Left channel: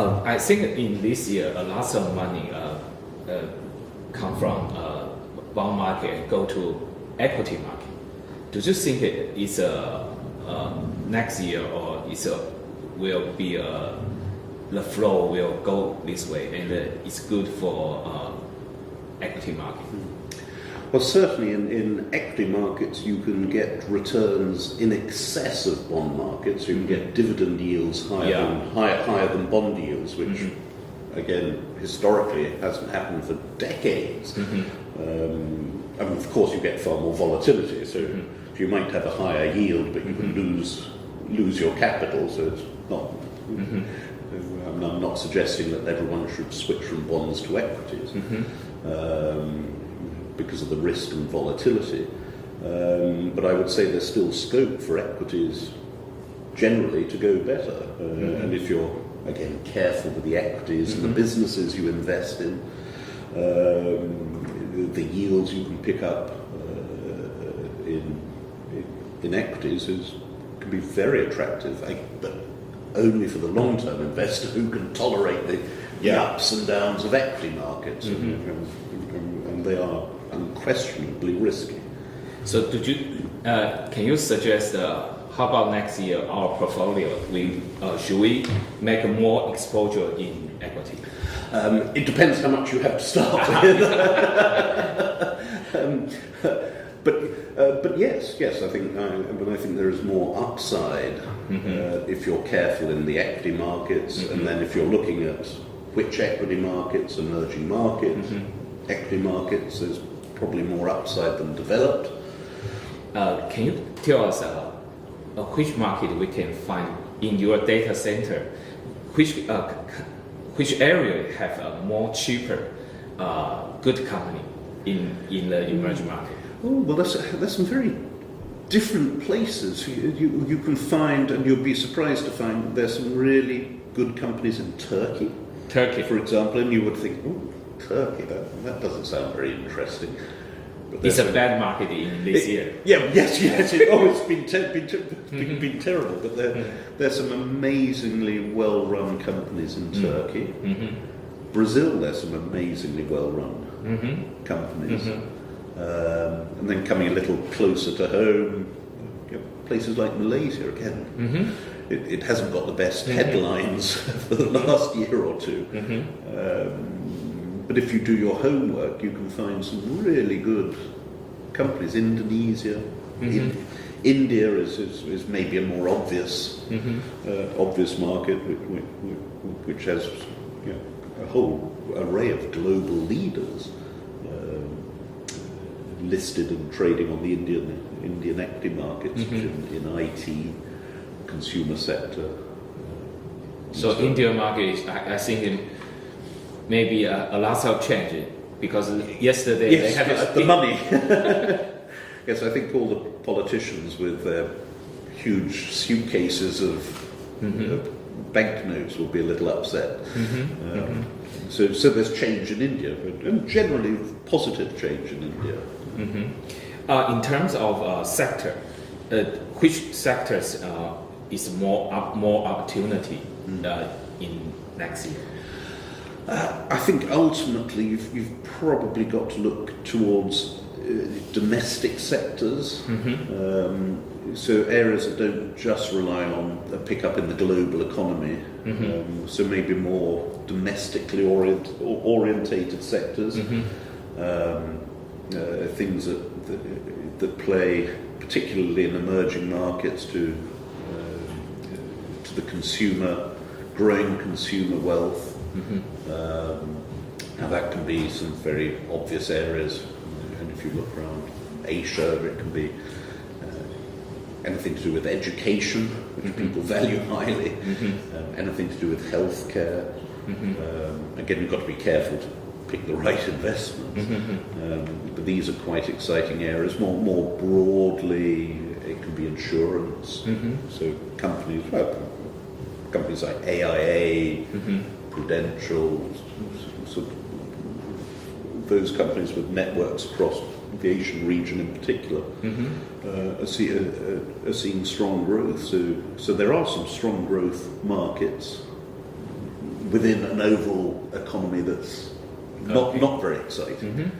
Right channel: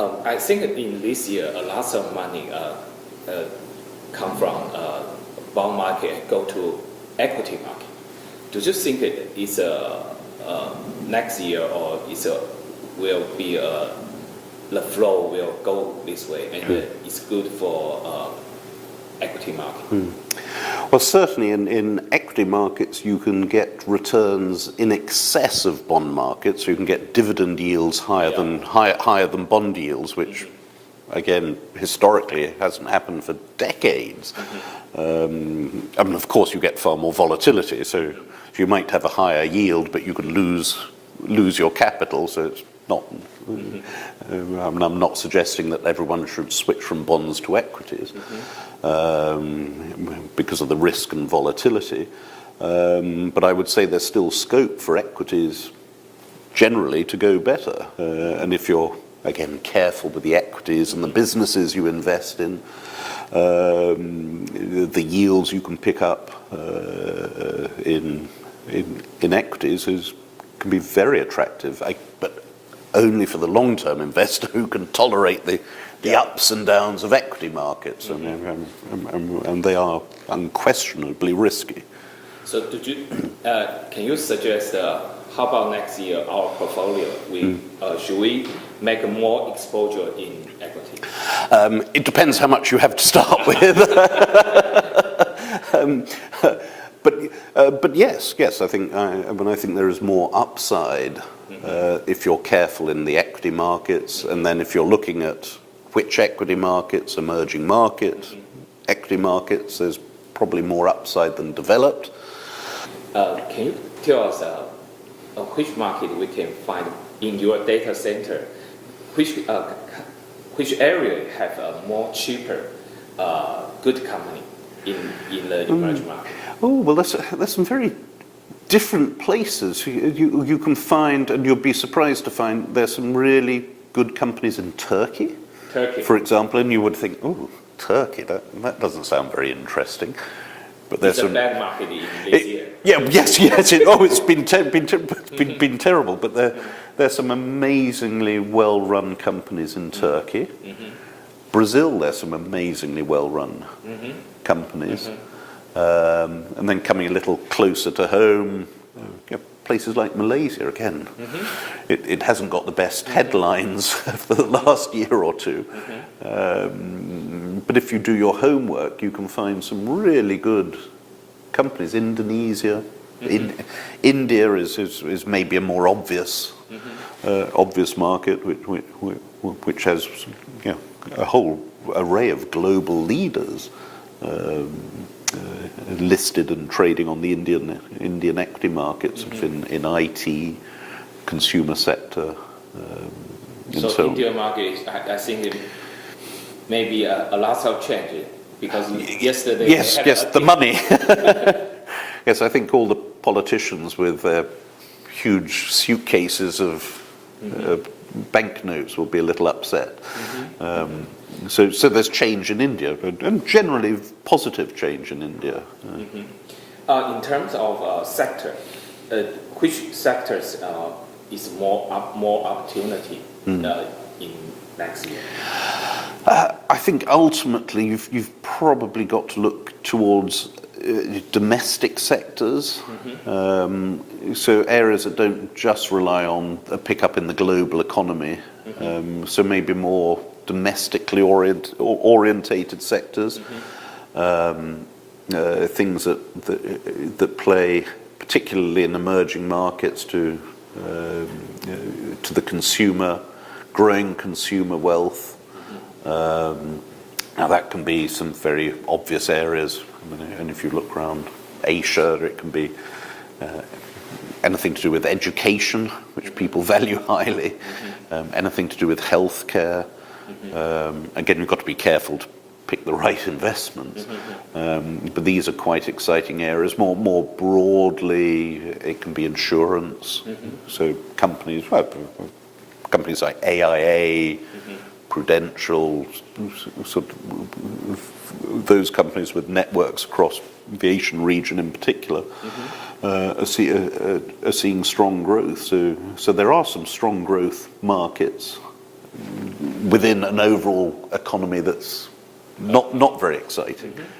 I think in this year, a lot of money come from bond market and go to equity market. Do you think it's next year or will be the flow will go this way and it's good for equity market? Well, certainly in equity markets you can get returns in excess of bond markets. You can get dividend yields higher than bond yields, which again historically historically hasn't happened for decades. I mean, of course, you get far more volatility, so you might have a higher yield, but you can lose your capital. So it's not. I mean, I'm not suggesting that everyone should switch from bonds to equities because of the risk and volatility. But I would say there's still scope for equities generally to go better. And if you're, again, careful with the equities and the businesses you invest in, the yields you can pick up in equities can be very attractive. But only for the long-term investor who can tolerate the ups and downs of equity markets, and they are unquestionably risky. So, can you suggest how about next year our portfolio? Should we make more exposure in equity? It depends how much you have to start with. But yes, I think I think there is more upside if you're careful in the equity markets, and then if you're looking at which equity markets, emerging markets, equity markets, there's probably more upside than developed. Can you tell us which market we can find in your data center? Which area have a more cheaper, good company in the emerging market? Oh, well, there's some very different places. You can find, and you'll be surprised to find, there's some really good companies in Turkey, for example, and you would think, oh, Turkey, that doesn't sound very interesting. But it's a bad market in this year. Yes. It's been terrible. But there's some amazingly well-run companies in Turkey. Brazil, there's some amazingly well-run companies. And then coming a little closer to home, places like Malaysia again. It hasn't got the best headlines for the last year or two. But if you do your homework, you can find some really good companies. Indonesia, India is maybe a more obvious market, which has a whole array of global leaders listed and trading on the Indian equity markets, in IT, consumer sector. So Indian market is, I think, maybe a lot of change because yesterday the money. Yes, I think all the politicians with their huge suitcases of banknotes will be a little upset. So there's change in India, and generally positive change in India. In terms of sector, which sectors is more opportunity in next year? I think ultimately you've probably got to look towards domestic sectors, so areas that don't just rely on a pickup in the global economy. So maybe more domestically orientated sectors, things that play particularly in emerging markets to the consumer, growing consumer wealth. Now that can be some very obvious areas, and if you look around Asia, it can be anything to do with education, which people value highly, anything to do with healthcare. Again, you've got to be careful to pick the right investments, but these are quite exciting areas. More broadly, it can be insurance, so companies like AIA, Prudential, sort of those companies with networks across the Asian region in particular, are seeing strong growth. So there are some strong growth markets. within an overall economy that's not very exciting.